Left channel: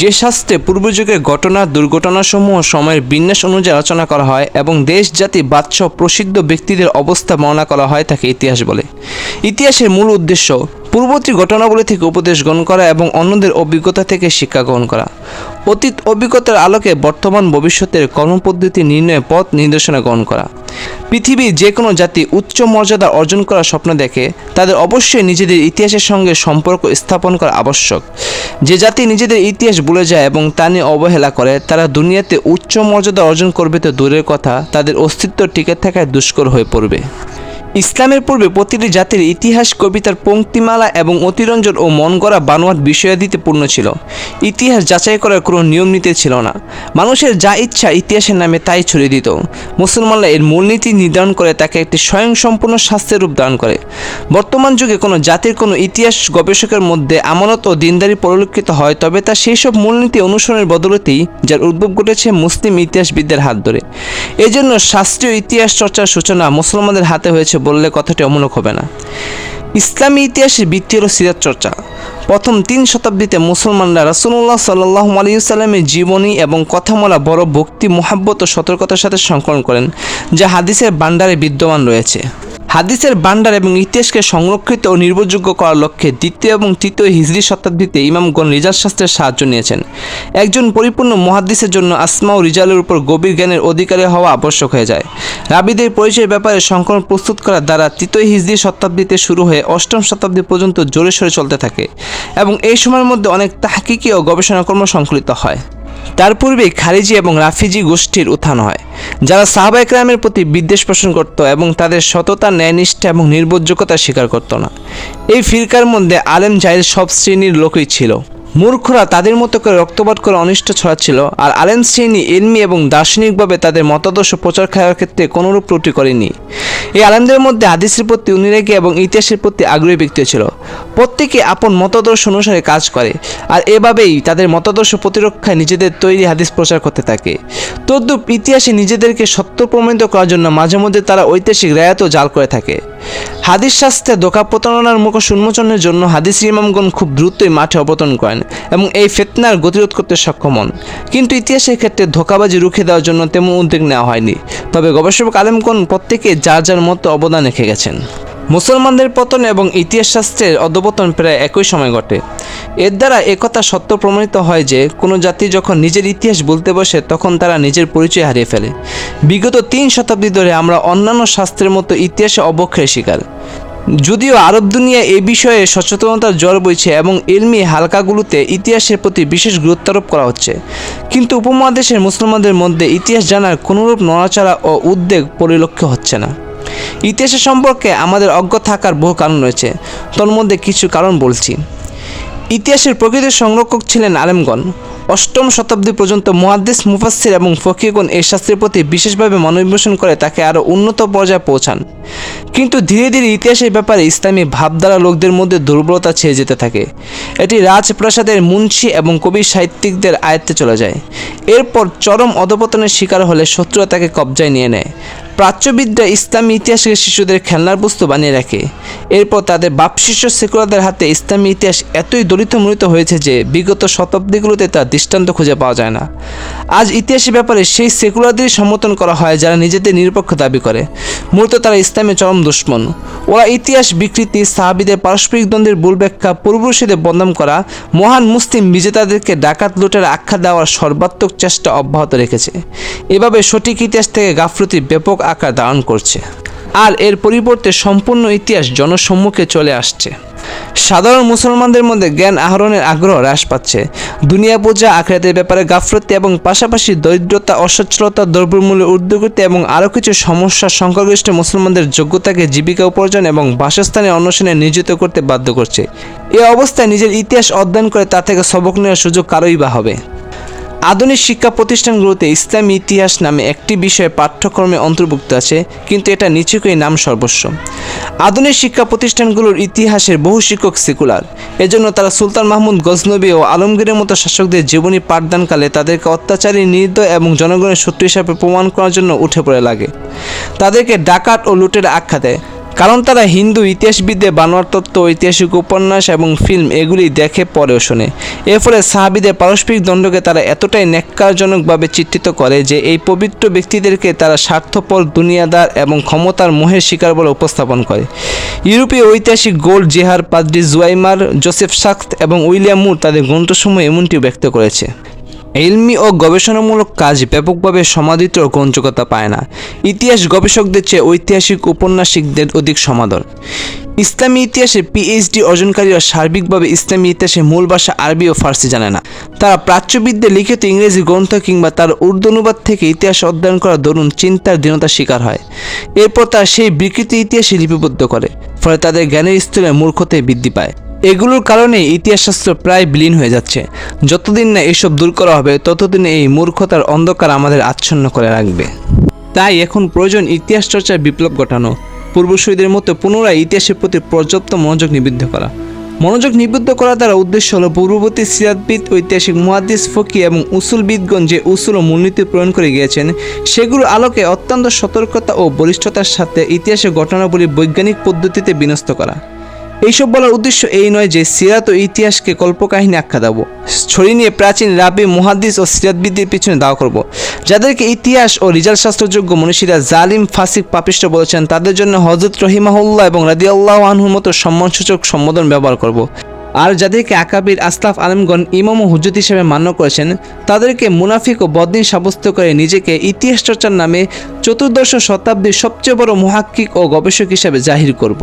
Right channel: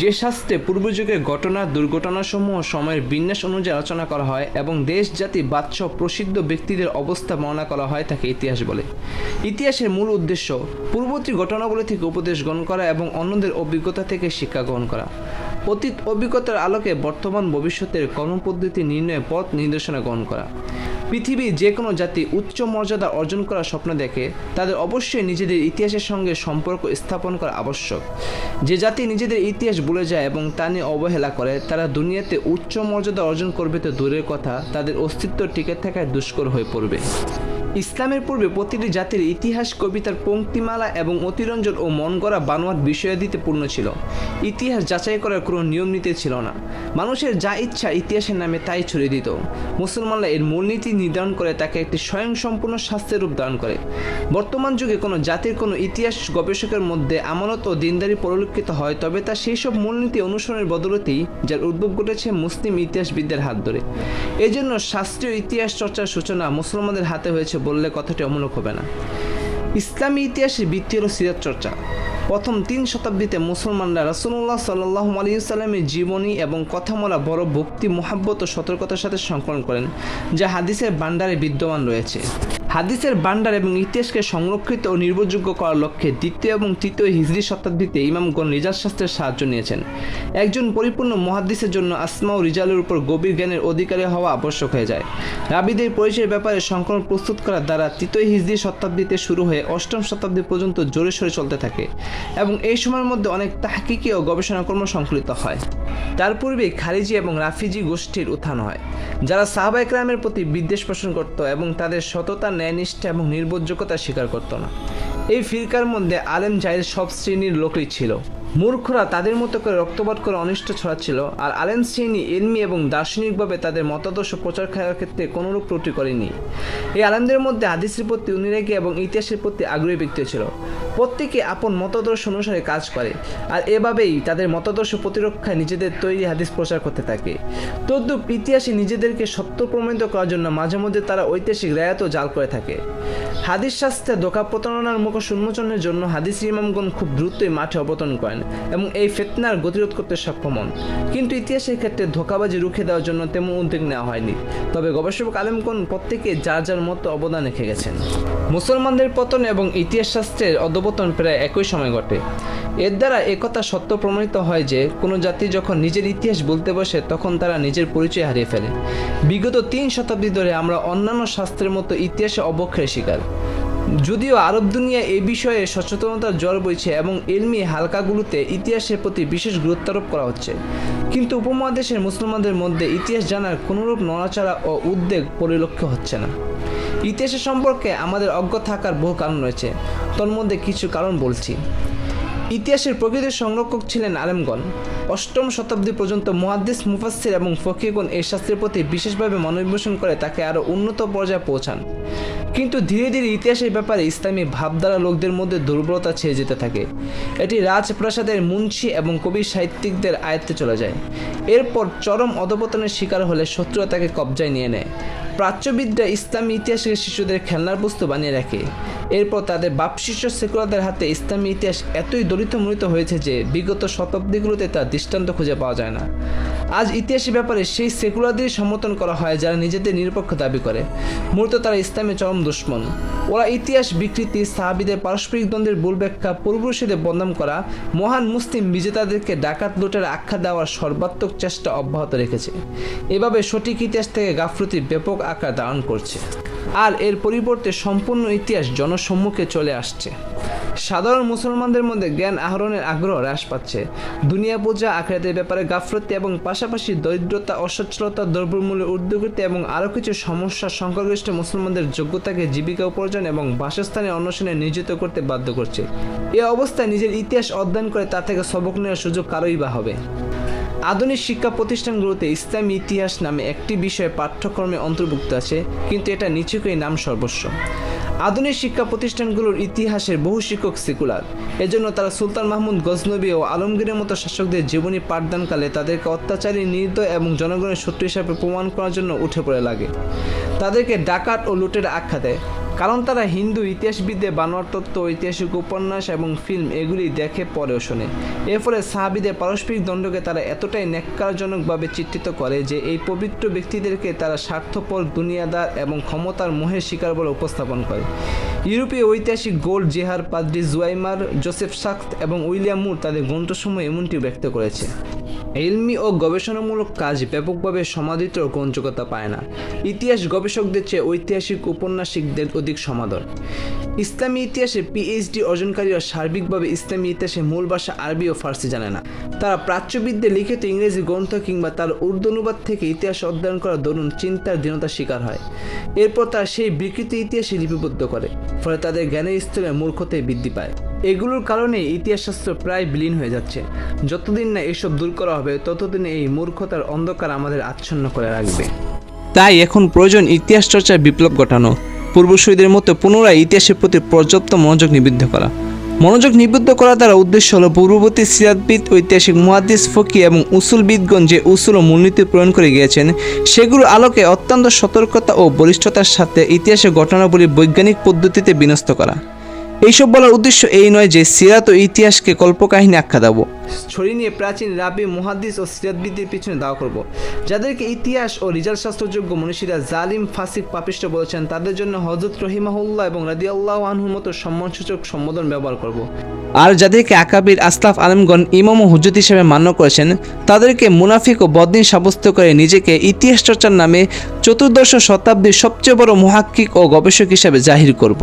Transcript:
যে শাস্ত্রে পূর্বযুগের ঘটনা, দুর্ঘটনাসমূহ সময়ের বিন্যাস অনুযায়ী আলোচনা করা হয় এবং দেশ, জাতি, বাদশাহ প্রসিদ্ধ ব্যক্তিদের অবস্থা বর্ণনা করা হয় তাকে ইতিহাস বলে। ইতিহাসের মূল উদ্দেশ্য পূর্ববর্তী ঘটনাবলী থেকে উপদেশ গ্রহণ করা এবং অন্যদের অভিজ্ঞতা থেকে শিক্ষা গ্রহণ করা। অতীত অভিজ্ঞতার আলোকে বর্তমান ভবিষ্যতের কর্মপদ্ধতি নির্ণয়ে পথ নির্দেশনা গ্রহণ করা। পৃথিবীর যে কোনো জাতি উচ্চ মর্যাদা অর্জন করার স্বপ্ন দেখে, তাদের অবশ্যই নিজেদের ইতিহাসের সঙ্গে সম্পর্ক স্থাপন করা আবশ্যক। যে জাতি নিজেদের ইতিহাস ভুলে যায় এবং তা নিয়ে অবহেলা করে, তারা দুনিয়াতে উচ্চ মর্যাদা অর্জন করবে তো দূরের কথা, তাদের অস্তিত্ব টিকে থাকায় দুষ্কর হয়ে পড়বে। ইসলামের পূর্বে প্রতিটি জাতির ইতিহাস, কবিতার পঙ্ক্তিমালা এবং অতিরঞ্জন ও মন গড়া বানোয়াট বিষয়াদিতে পূর্ণ ছিল। ইতিহাস যাচাই করার কোনো নিয়ম নীতি ছিল না। মানুষের যা ইচ্ছা ইতিহাসের নামে তাই ছড়িয়ে দিত। মুসলমানরা এর মূলনীতি নির্ধারণ করে তাকে একটি স্বয়ংসম্পূর্ণ শাস্ত্রের রূপ দান করে। বর্তমান যুগে কোনো জাতির কোনো ইতিহাস গবেষকের মধ্যে আমানত ও দিনদারি পরিলক্ষিত হয়, তবে তা সেই সব মূলনীতি অনুসরণের বদলতেই যার উদ্ভব ঘটেছে মুসলিম ইতিহাসবিদদের হাত ধরে। এজন্য শাস্ত্রীয় ইতিহাস চর্চার সূচনা মুসলমানদের হাতে হয়েছে বললে কথাটি অমূলক হবে না। ইসলামী ইতিহাসে বৃত্তির হল সিরাজ চর্চা। প্রথম তিন শতাব্দীতে মুসলমানরা রাসুল্লাহ সাল্লাহ আলিউসাল্লামের জীবনী এবং কথামলা, বড় ভক্তি, মোহাব্বত ও সতর্কতার সাথে সংকলন করেন, যা হাদিসের ভাণ্ডারে বিদ্যমান রয়েছে। হাদিসের ভাণ্ডার এবং ইতিহাসকে সংরক্ষিত ও নির্ভরযোগ্য করার লক্ষ্যে দ্বিতীয় এবং তৃতীয় হিজরি শতাব্দীতে ইমামগণ রিজাল শাস্ত্রের সাহায্য নিয়েছেন। একজন পরিপূর্ণ মহাদ্দিসের জন্য আসমা ও রিজালের উপর গভীর জ্ঞানের অধিকারী হওয়া আবশ্যক হয়ে যায়। রাবিদের পরিচয়ের ব্যাপারে সংকলন প্রস্তুত করার দ্বারা তৃতীয় হিজরি শতাব্দীতে শুরু হয়ে অষ্টম শতাব্দী পর্যন্ত জোরে সোরে চলতে থাকে এবং এই সময়ের মধ্যে অনেক তাহকিকি ও গবেষণাকর্ম সংকলিত হয়। তার পূর্বে খারিজি এবং রাফিজি গোষ্ঠীর উত্থান হয়, যারা সাহাবা একরামের প্রতি বিদ্বেষ পোষণ করত এবং তাদের সততা, ন্যায়নিষ্ঠা এবং নির্ভরযোগ্যতা স্বীকার করত না। এই ফিরকার মধ্যে আলেম জাহির সব শ্রেণির লোকই ছিল। মূর্খরা তাদের মতো করে রক্তপাত করে অনিষ্ট ছড়াচ্ছিল, আর আলেম শ্রেণি, এলমি এবং দার্শনিকভাবে তাদের মতাদর্শ প্রচার করার ক্ষেত্রে কোনোরূপ ত্রুটি করেনি। এই আলেমদের মধ্যে হাদিসের প্রতি অনুরাগী এবং ইতিহাসের প্রতি আগ্রহী ব্যক্তি ছিল। প্রত্যেকে আপন মতাদর্শ অনুসারে কাজ করে, আর এভাবেই তাদের মতাদর্শ প্রতিরক্ষায় নিজেদের তৈরি হাদিস প্রচার করতে থাকে। তদ্রূপ ইতিহাসে নিজেদেরকে সত্য প্রমাণিত করার জন্য মাঝে মধ্যে তারা ঐতিহাসিক রায়াতও জাল করে থাকে। হাদিস শাস্ত্রে দোকা প্রতারণার মুখ উন্মোচনের জন্য হাদিস ইমামগণ খুব দ্রুতই মাঠে অবতরণ করেন এবং এই ফেতনার গতিরোধ করতে সক্ষম হন। কিন্তু ইতিহাসের ক্ষেত্রে ধোকাবাজি রুখে দেওয়ার জন্য তেমন উদ্যোগ নেওয়া হয়নি। তবে গবেষক আলেমগণ প্রত্যেকে যার যার মতো অবদান রেখে গেছেন। মুসলমানদের পতন এবং ইতিহাস শাস্ত্রের অধপতন প্রায় একই সময় ঘটে। এর দ্বারা একথা সত্য প্রমাণিত হয় যে, কোনো জাতি যখন নিজের ইতিহাস বলতে বসে, তখন তারা নিজের পরিচয় হারিয়ে ফেলে। বিগত তিন শতাব্দী ধরে আমরা অন্যান্য শাস্ত্রের মতো ইতিহাসে অবক্ষয়ের শিকার। যদিও আরব দুনিয়া এ বিষয়ে সচেতনতার জ্বর বইছে এবং এলমি হালকাগুলোতে ইতিহাসের প্রতি বিশেষ গুরুত্ব আরোপ করা হচ্ছে। কিন্তু উপমহাদেশের মুসলমানদের মধ্যে ইতিহাস জানার কোনোরূপ নড়াচড়া ও উদ্বেগ পরিলক্ষ্য হচ্ছে না। ইতিহাসের সম্পর্কে আমাদের অজ্ঞ থাকার বহু কারণ রয়েছে। তোর মধ্যে কিছু কারণ বলছি। ইতিহাসের প্রকৃত সংরক্ষক ছিলেন আলেমগণ। অষ্টম শতাব্দী পর্যন্ত মহাদ্দেশ মুফাসির এবং ফকিরগণ এই শাস্ত্রের প্রতি বিশেষভাবে মনোনিবেশন করে তাকে আরও উন্নত পর্যায়ে পৌঁছান। কিন্তু ধীরে ধীরে ইতিহাসের ব্যাপারে ইসলামী ভাবধারা লোকদের মধ্যে দুর্বলতা ছেয়ে যেতে থাকে। এটি রাজপ্রাসাদের মুন্সি এবং কবি সাহিত্যিকদের আয়ত্তে চলে যায়। এরপর চরম অধপতনের শিকার হলে শত্রুরা তাকে কবজায় নিয়ে নেয়। প্রাচ্যবিদ্যা ইসলামী ইতিহাসকে শিশুদের খেলনার বস্তু বানিয়ে রাখে। এরপর তাদের বাপশিষ্য সেকুলারদের হাতে ইসলামী ইতিহাস এতই দলিত মূলিত হয়েছে যে বিগত শতাব্দীগুলোতে তার দৃষ্টান্ত খুঁজে পাওয়া যায় না। আজ ইতিহাসের ব্যাপারে সেই সেকুলারদেরই সমর্থন করা হয় যারা নিজেদের নিরপেক্ষ দাবি করে। মূলত তারা ইসলামের চরম দুশ্মন। ওরা ইতিহাস বিকৃতি, সাহাবিদের পারস্পরিক দ্বন্দ্বের ভুল ব্যাখ্যা, পূর্বপুরুষদের বদনাম করা, মহান মুসলিম বিজেতাদেরকে ডাকাত লুটের আখ্যা দেওয়ার সর্বাত্মক চেষ্টা অব্যাহত রেখেছে। এভাবে সঠিক ইতিহাস থেকে গাফলতির ব্যাপক আকার ধারণ করছে। আর এর পরিবর্তে সম্পূর্ণ ইতিহাস জনসম্মুখে চলে আসছে। সাধারণ মুসলমানদের মধ্যে জ্ঞান আহরণের আগ্রহ হ্রাস পাচ্ছে। দুনিয়া পূজা আখড়াতের ব্যাপারে গাফলতি এবং পাশাপাশি দরিদ্রতা, অসচ্ছলতা, দ্রব্যমূল্যের ঊর্ধ্বগতি এবং আরও কিছু সমস্যা সংখ্যাগরিষ্ঠ মুসলমানদের যোগ্যতাকে জীবিকা উপার্জন এবং বাসস্থানে অন্বেষণে নিয়োজিত করতে বাধ্য করছে। এ অবস্থায় নিজের ইতিহাস অধ্যয়ন করে তা থেকে সবক নেওয়ার সুযোগ কারোই বা হবে। আধুনিক শিক্ষা প্রতিষ্ঠানগুলোতে ইসলামী ইতিহাস নামে একটি বিষয় পাঠ্যক্রমে অন্তর্ভুক্ত আছে, কিন্তু এটা নিচুকই নাম সর্বস্ব। আধুনিক শিক্ষা প্রতিষ্ঠানগুলোর ইতিহাসের বহু শিক্ষক সেকুলার। এজন্য তারা সুলতান মাহমুদ গজনবী ও আলমগীরের মতো শাসকদের জীবনী পাঠদানকালে তাদেরকে অত্যাচারী নির্দয় এবং জনগণের শত্রু হিসাবে প্রমাণ করার জন্য উঠে পড়ে লাগে। তাদেরকে ডাকাত ও লুটের আখ্যা দেয়। কারণ তারা হিন্দু ইতিহাসবিদে বানোয়ার তত্ত্ব ঐতিহাসিক উপন্যাস এবং ফিল্ম এগুলি দেখে পড়েও শোনে। এর ফলে সাহাবিদের পারস্পরিক দণ্ডকে তারা এতটাই ন্যাক্কারজনকভাবে চিত্রিত করে যে এই পবিত্র ব্যক্তিদেরকে তারা স্বার্থপর দুনিয়াদার এবং ক্ষমতার মোহের শিকার বলে উপস্থাপন করে। ইউরোপীয় ঐতিহাসিক গোল্ড জেহার পাদ্রি জুয়াইমার, জোসেফ সাক্ত এবং উইলিয়াম মুর তাদের গ্রন্থসমূহে এমনটি ব্যক্ত করেছে। এলমি ও গবেষণামূলক কাজ ব্যাপকভাবে সমাদিত গ্রহণযোগ্যতা পায় না। ইতিহাস গবেষকদের চেয়ে ঐতিহাসিক উপন্যাসিকদের অধিক সমাদর। ইসলামী ইতিহাসে পিএইচডি অর্জনকারীরা সার্বিকভাবে ইসলামী ইতিহাসে মূল ভাষা আরবি ও ফার্সি জানে না। তারা প্রাচ্যবিদদের লিখিত ইংরেজি গ্রন্থ কিংবা তার উর্দু অনুবাদ থেকে ইতিহাস অধ্যয়ন করা দরুন চিন্তার দীনতার শিকার হয়। এরপর তারা সেই বিকৃত ইতিহাসে লিপিবদ্ধ করে, ফলে তাদের জ্ঞানের স্তরে মূর্খতে বৃদ্ধি পায়। এগুলোর কারণে ইতিহাসশাস্ত্র প্রায় বিলীন হয়ে যাচ্ছে। যতদিন না এসব দূর করা হবে, ততদিন এই মূর্খতার অন্ধকার আমাদের আচ্ছন্ন করে রাখবে। তাই এখন প্রয়োজন ইতিহাস চর্চার বিপ্লব ঘটানো, পূর্বসূরীদের মতো পুনরায় ইতিহাসের প্রতি পর্যাপ্ত মনোযোগ নিবদ্ধ করা। মনোযোগ নিবদ্ধ করা দ্বারা উদ্দেশ্য হল পূর্ববর্তী সিরাতবিদ ঐতিহাসিক মুহাদ্দিস, ফকি এবং উসুলবিদগণ যে উসুল ও মূলনীতি প্রয়োগ করে গিয়েছেন সেগুলো আলোকে অত্যন্ত সতর্কতা ও বলিষ্ঠতার সাথে ইতিহাসের ঘটনাবলী বৈজ্ঞানিক পদ্ধতিতে বিনষ্ট করা। এইসব বলার উদ্দেশ্য এই নয় যে সিরাত ও ইতিহাসকে কল্পকাহিনী আখ্যা দেবো। ছড়িয়ে নিয়ে প্রাচীন রাবি, মুহাদ্দিস ও সিরাতবিদ্যের পিছনে দাওয়া করব। যাদেরকে ইতিহাস ও রিজাল্ট শাস্ত্রযোগ্য মনীষীরা জালিম, ফাসিক, পাপিষ্ট বলেছেন, তাদের জন্য হজরত রহিমাহুল্লাহ এবং রাদিয়াল্লাহ আনহুর মতো সম্মানসূচক সম্বোধন ব্যবহার করব। আর যাদেরকে আকাবির আসলাফ আলমগণ ইমাম ও হুজুত হিসেবে মান্য করেছেন, তাদেরকে মুনাফিক ও বদিন সাব্যস্ত করে নিজেকে ইতিহাস চর্চার নামে চতুর্দশ শতাব্দীর সবচেয়ে বড় মহাক্কিক ও গবেষক হিসেবে জাহির করব।